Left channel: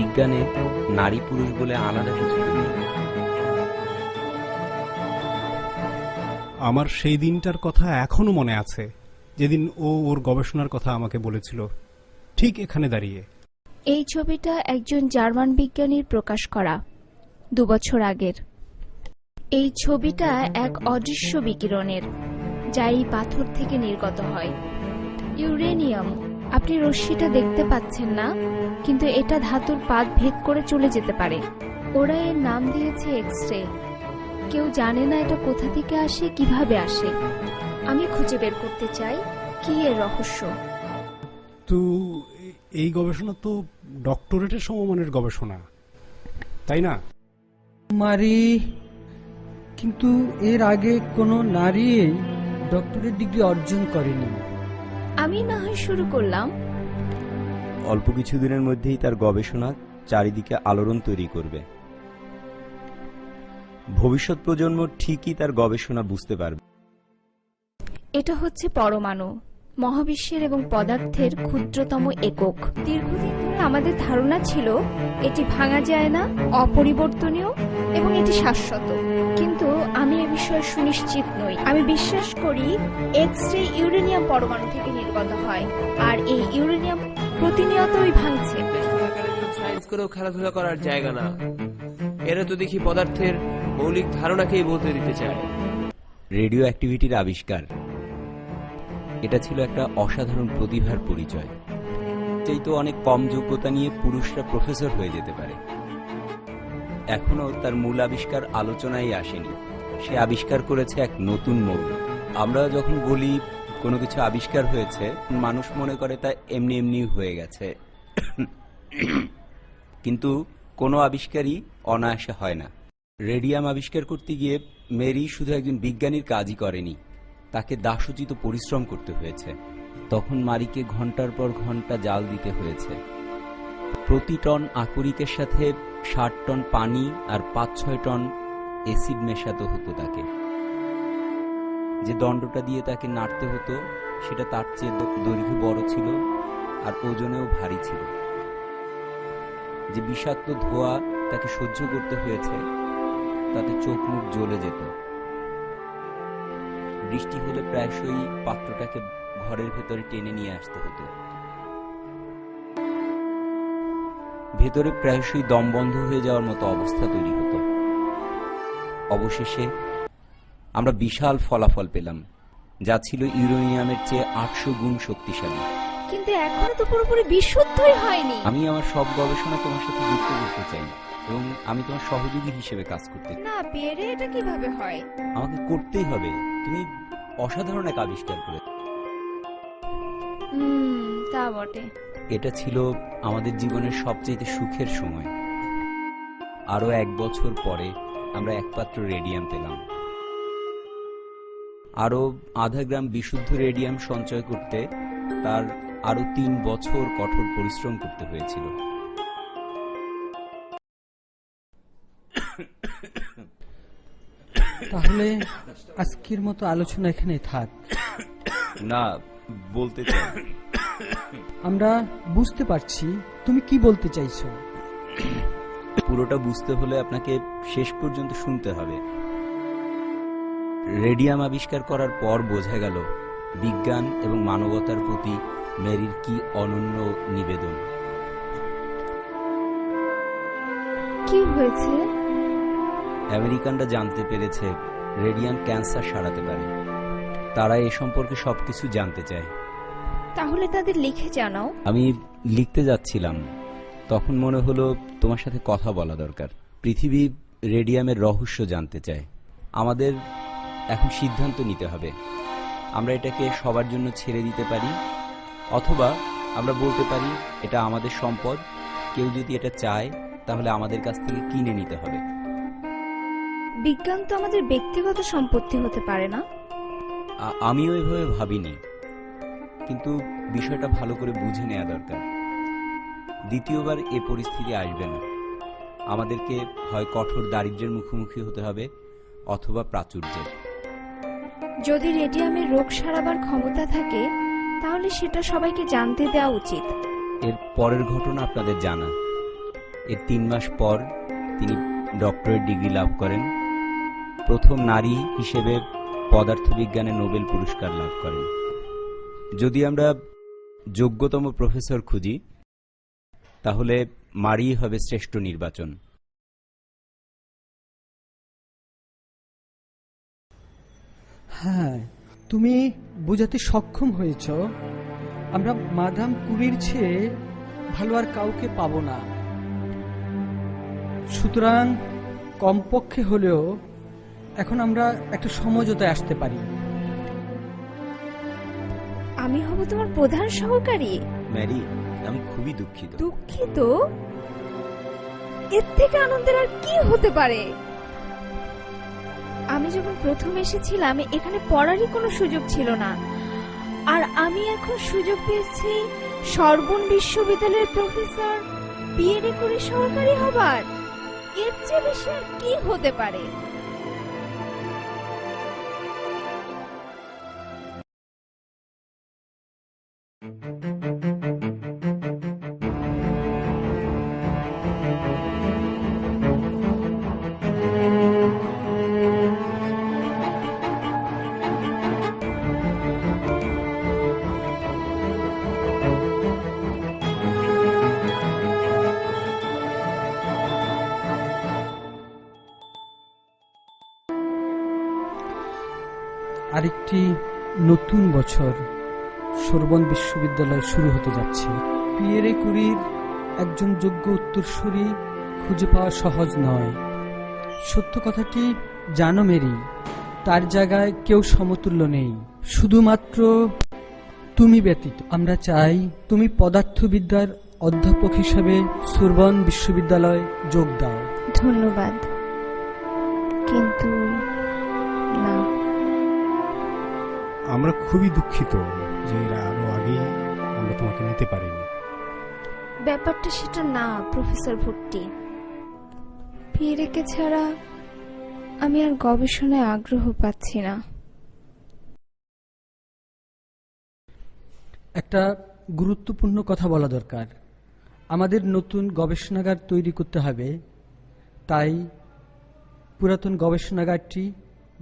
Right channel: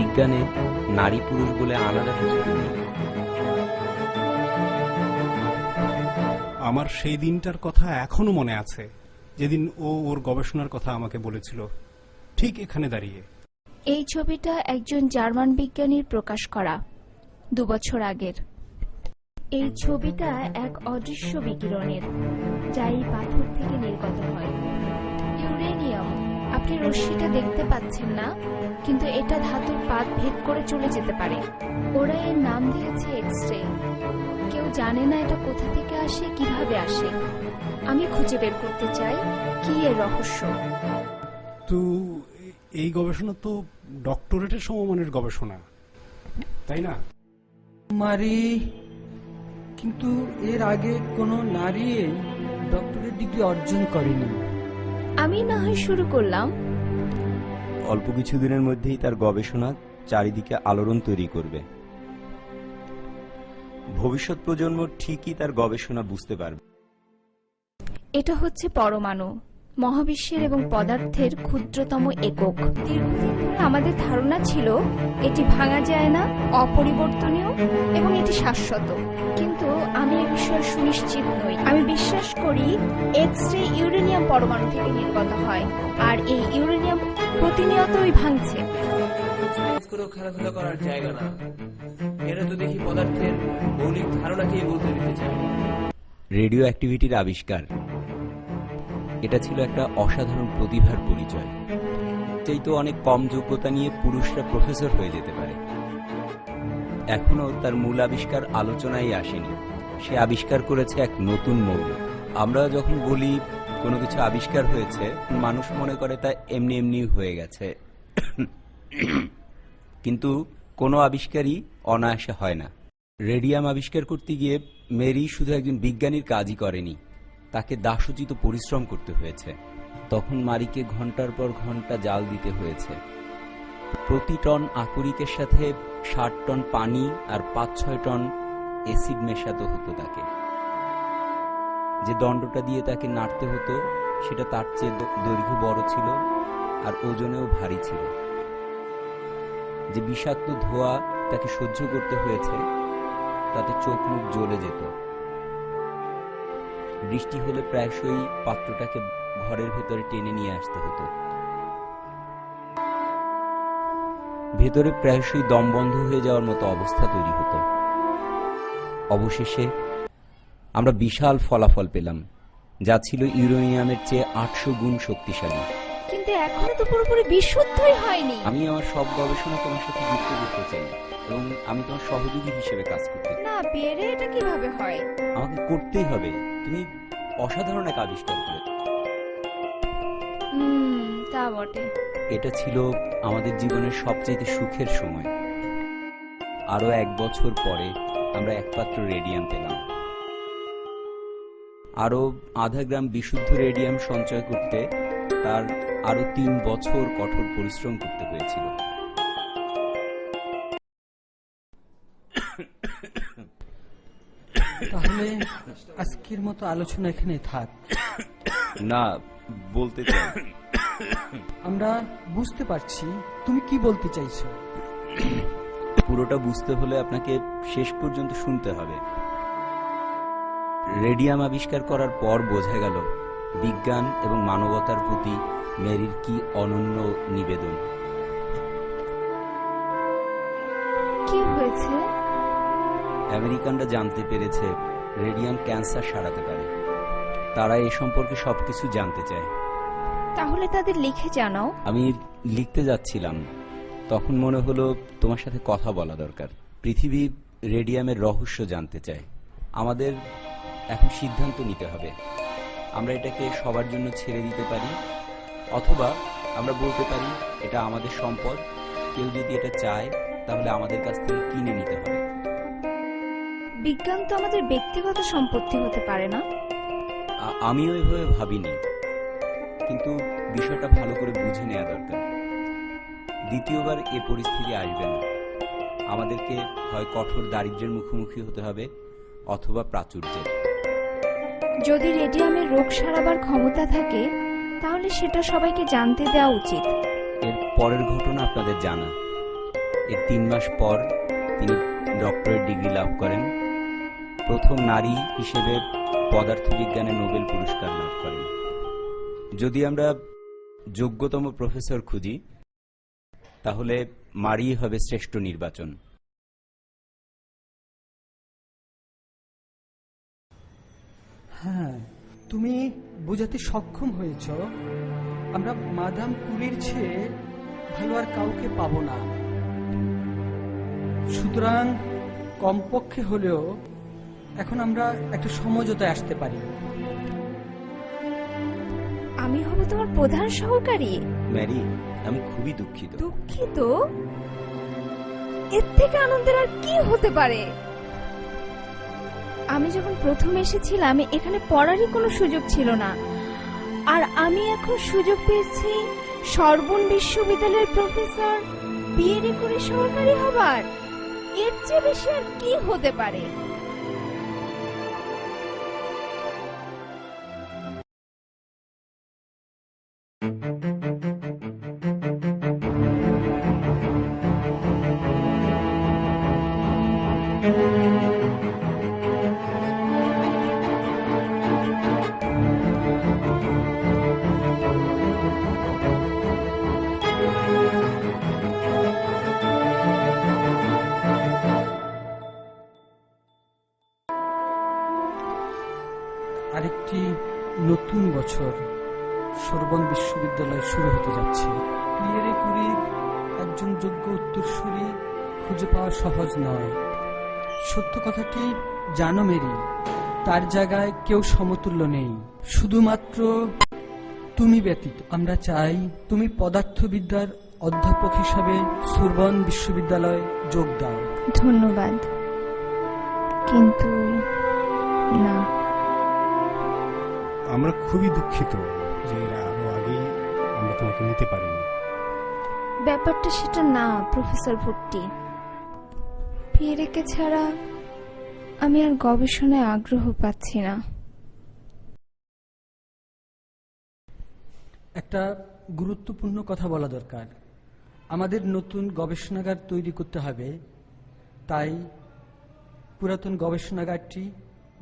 বিজ্ঞানে নারী পুরুষ বলে আলাদা কিছু নেই। আমার সেই দিনটার কথা এখনও মনে আছে যেদিন ও ওর গবেষণার কথা আমাকে বলেছিল। ঠিক এখানে দাঁড়িয়ে। এই ছবিটা একজন জার্মান বিজ্ঞানীর প্রকাশ করা দুবছর আগের। এই ছবিটা এক অদৃশ্য বিকিরণের যা এই পাথর থেকে নির্গত হয়। ইউরেনিয়াম। আপনি রশ্মিটা দেখতে পাচ্ছেন না কিন্তু এটা ধাতুর পাত ভেদ করে চলে যেতে পারে। ওরা এর নাম দিয়েছে এক্স রে কেউ জানে না এটা কোথা থেকে আসে কীভাবে আসে। আমি খুঁজে বের করতে চাই কি এর রহস্য? তো এই গবেষণা তো ডক্টরেটের সমমানের গবেষণা তাই না? মারি কিন্তু এর আগে কোনো নারী ডক্টরেট ডিগ্রি অর্জন করেনি। আমি না হয় শুরু করলাম। অল্প কিছুদিনের মধ্যেই তার গবেষণা চারিদিকে আলোড়ন তৈরি করবে। ভবিষ্যৎ প্রজন্ম ঠিকই তার গবেষণা বুঝতে পারবে। এটা হচ্ছে পরমাণু মহাবিশ্বের এবং পদার্থের ক্ষুদ্রতম একক। দীর্ঘদিন ধরে আমাদের ধারণা ছিল এটি ভাঙা যায় না অপরিবর্তনীয় এবং এটি শাশ্বত। কিন্তু আমি এ বিষয়ে সুনিশ্চিত নই। আমি বিশ্বাস করি এক্স রে ইউরেনিয়াম পরমাণু থেকে নির্গত হয় আর এই ইউরেনিয়াম প্রতিনিয়তই ভাঙছে। সায়েন্স খেলাধুলা করার জায়গা না। এরা তো দেখি পদার্থের মৌলিক ধারণাকেই বলতে দিতে চায়। রেডিও অ্যাক্টিভিটির আবিষ্কার। এটা ছিল একটা অসাধারণ প্রতিভার পরিচয়। সেই তো অনেক কম যোগ্যতা নিয়ে পুরুষরা প্রফেসর হয়ে যেতে পারে। এখনও তার মূল আবিষ্কার আলোচনায় আসেনি। সে আবিষ্কার করেছে এক নতুন মৌল। আমরা যখন বলি কোনো কিছু আবিষ্কার হয়েছে, মানুষ মনে করে তা এমনি এমনি হয়ে গেছে। কিন্তু কোনো আবিষ্কারই অনায়াসে হয় না। রেডিয়াম আবিষ্কার করতে গিয়ে মেরি শুধু একজন বিজ্ঞানীর কাজই করেনি, তাকে দাসোচিত পরিশ্রম করতে হয়েছে। তখন মারিকে ঘণ্টার পর ঘণ্টা জাল দিতে হয়েছে। প্রতি টন আকরিকের সাথে ষাট টন পানি আর পাঁচ ছয় টন অ্যাসিড মেশাতে হতো তাকে। যে দণ্ডটা দিয়ে তাকে নাড়তে হতো, সেটা তার চেয়ে দৈর্ঘ্য বড় ছিল আর ওজনেও ভারী ছিল। যে বিষাক্ত ধোয়া তাকে সহ্য করতে হয়েছে, তাতে চোখ মুখ জ্বলে যেত। বৃষ্টি হলে প্রায়শই পাত্রটাকে ঘরের ভেতরে টেনে নিয়ে আসতে হতো। ভেতরে প্রায়শই দম বন্ধ হয়ে যাওয়ার মতো অবস্থা তৈরি হতো। অবশেষে আমরা বিশাল ফলাফল পেলাম, যা ছিল ইউরেনিয়ামের চেয়ে আটশো গুণ শক্তিশালী। কিন্তু এখনও তো পুরোপুরি বিশুদ্ধই হয়নি। আমি আমার সব গবেষণা তোমার সাথে যুক্ত করতে চাই এবং আমি তোমার সহযোগী হিসেবে কাজ করতে না পেরে এটা কীভাবে হয়? আমাকে করতেই হবে। তুমি অসাধারণ এক আবিষ্কার করে হুম তা বটে। এটা ছিল আমাদের জীবনের সবচেয়ে সুখের সময়। আরও এক বছর পরে আমরা এক পাত্র রেডিয়াম পেলাম। আরও আধা গ্রাম বিশুদ্ধ রেডিয়াম সঞ্চয় করতে তার আরও তিন বছর কঠোর পরিশ্রম করতে হয়েছিল। তাহলে আজকের মতো আলোচনা এখানে থাক। না বলতে চাই। আমরা বুঝতে পারছি তুমি কি বলতে চাইছো? পুরোটা বুঝতে হলে আপনাকে শেষ পর্যন্ত শুনতে হবে। রেডিয়াম আবিষ্কার করার পর বোঝা গেল বিজ্ঞান এবং মানবতার প্রতি মেরির কি অনন্য নিবেদন? কি হয়েছে? আমেরিকানরা জানতে পেরেছে রেডিয়াম ক্যান্সার সারাতে পারে। তারা এ সম্পর্কে সবকিছু জানতে চায়। তাহলে তাদের লিখে জানাও। আমি লিখতে যাচ্ছিলাম। তখন মনে হলো তোমার সাথে কথা বলা দরকার। পৃথিবী রেডিয়ামের রহস্য জানতে চায়। আমাদের এখন সিদ্ধান্ত নিতে হবে। আমরা এটাকে সবার জন্য ছেড়ে দিতে পারি অথবা আমরা বলতে পারি এটা আমাদের সম্পদ। কেউ যদি এটা চায় তাহলে আমাদের কাছ থেকে কিনে নিতে হবে। বিজ্ঞান তো আমাদের ব্যক্তিগত সম্পত্তি হতে পারে না। আ- আমিও এভাবে ভাবিনি। কিন্তু বিষয়টা ভালো করে বুঝে নেওয়া দরকার। দ্বিতীয়বার এ পরিস্থিতি আসবে না। আমাদেরকে হয় কঠোর দারিদ্র্যের মুখোমুখি হতে হবে অথবা প্রাচুর্যের। যদি রেডিয়ামের রোগ সারাবার ক্ষমতা থাকে, তাহলে সেটা সবাইকে জানতে দেওয়া উচিত। এর পরের ঘটনা আপনাদের জানা। এর তিন মাস পর তিনি ডক্টরেট ডিগ্রি লাভ করেন। প্রথম নারী হিসেবে পদার্থবিজ্ঞানে নোবেল পুরস্কার লাভ করেন। যদি আমরা যোগ্যতম প্রফেসর খুঁজি, তাহলে মারি হবে শ্রেষ্ঠ নির্বাচন। হ্যাঁ তুমি বোঝাতে সক্ষম হয়েছ। আমরা মাদাম কুরির চেয়ে ভালো আর কাউকে পাবো না। সুতরাং কমপক্ষে হলেও এখন আমরা একটা সমঝোতায় আসতে পারি। আমি হব তোমার প্রধান সহকারী। ম্যারি আমি খুবই দুঃখিত। দুঃখিত? এর থেকে আনন্দের আর কি হতে পারে? আমি যখন প্রথম এসেছিলাম, এখানে পড়ারই কোনো সুযোগ ছিল না। আর আমি এখন সুযোগ পেয়েছি সর্বন বিশ্ববিদ্যালয়ের প্রফেসর বিএডে করে সরকারি হবার। এর চেয়ে বেশি আর কি হতে পারে? আরেকটি নতুন বছর সোরবন বিশ্ববিদ্যালয় শুরু হতে যাচ্ছে। পিয়েরে কুরির একজন যোগ্য উত্তরসূরি খুঁজে পাওয়া সহজ নয়। সত্য কথাটি জানো মেরি, তার জায়গায় কেউ সমতুল্য নেই। শুধুমাত্র তুমি ব্যতীত, আমরা চাই তুমি পদার্থবিদ্যার অধ্যাপক হিসাবে সুরবন বিশ্ববিদ্যালয় যোগ দাও। ধন্যবাদ। কিন্তু না। আমরা খুবই দুঃখিত যে এরা আরও আগেই আমরা তোমাকে নিতে পারিনি। ব্যাপারটা সেটা না প্রফেসর ভুট্টি। পিয়েরেকে ছাড়া আমি আর গবেষণায় আগ্রহ পাচ্ছি না। একটা গুরুত্বপূর্ণ কথা বলা দরকার। আমাদের নতুন গবেষণাগার তৈরি করতে হবে তাই পুরাতন গবেষণাগারটি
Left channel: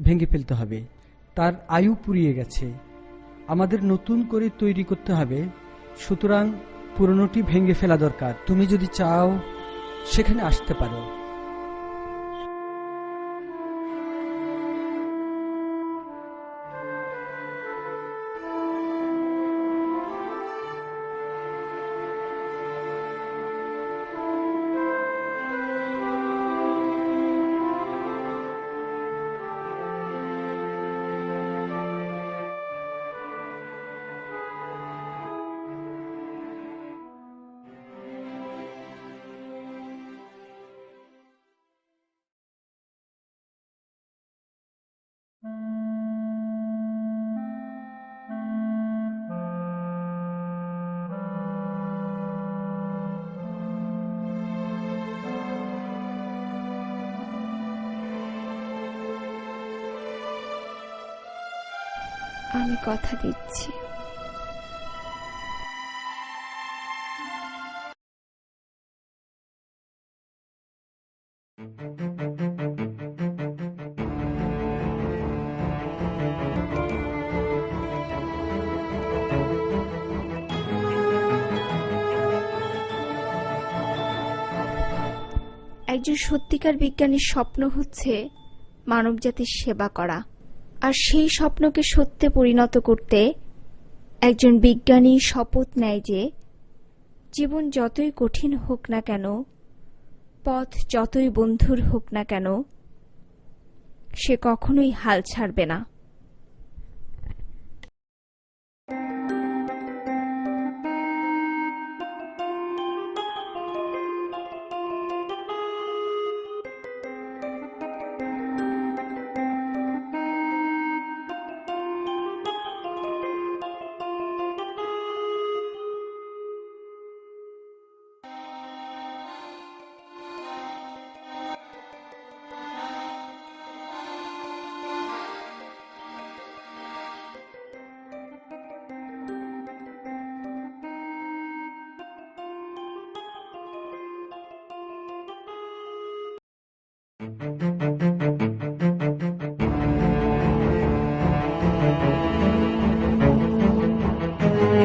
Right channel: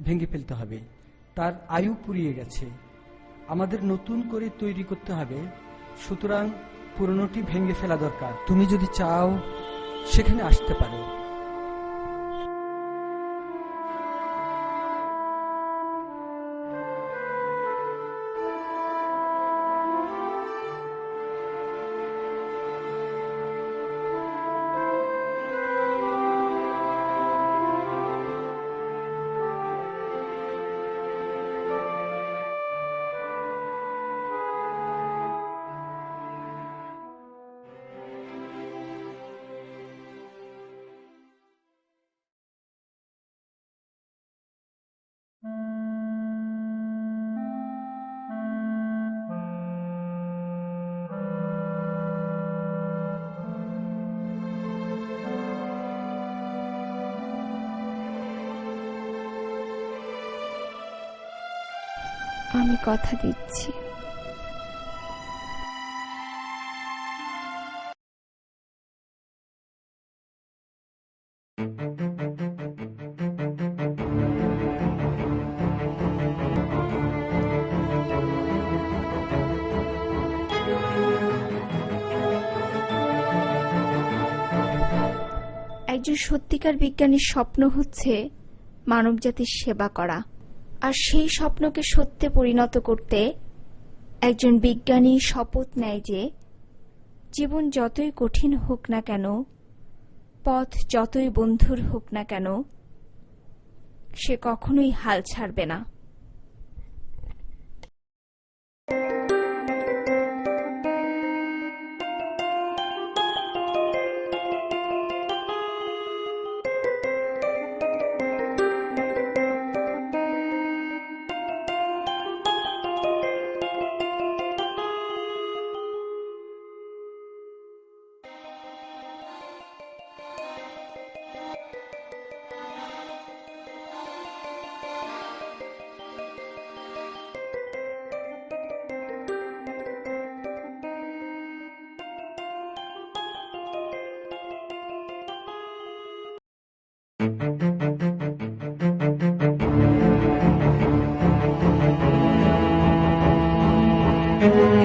ভেঙে ফেলতে হবে। তার আয়ু পুরিয়ে গেছে। আমাদের নতুন করে তৈরি করতে হবে। সুতরাং পুরনোটি ভেঙে ফেলা দরকার। তুমি যদি চাও, সেখানে আসতে পারো। আমি কথা দিচ্ছি। একজন সত্যিকার বিজ্ঞানীর স্বপ্ন হচ্ছে মানবজাতির সেবা করা। আর সেই স্বপ্নকে সত্যে পরিণত করতে একজন বিজ্ঞানী শপথ নেয় যে জীবন যতই কঠিন হোক না কেন, পথ যতই বন্ধুর হোক না কেন, সে কখনোই হাল ছাড়বে না। thank you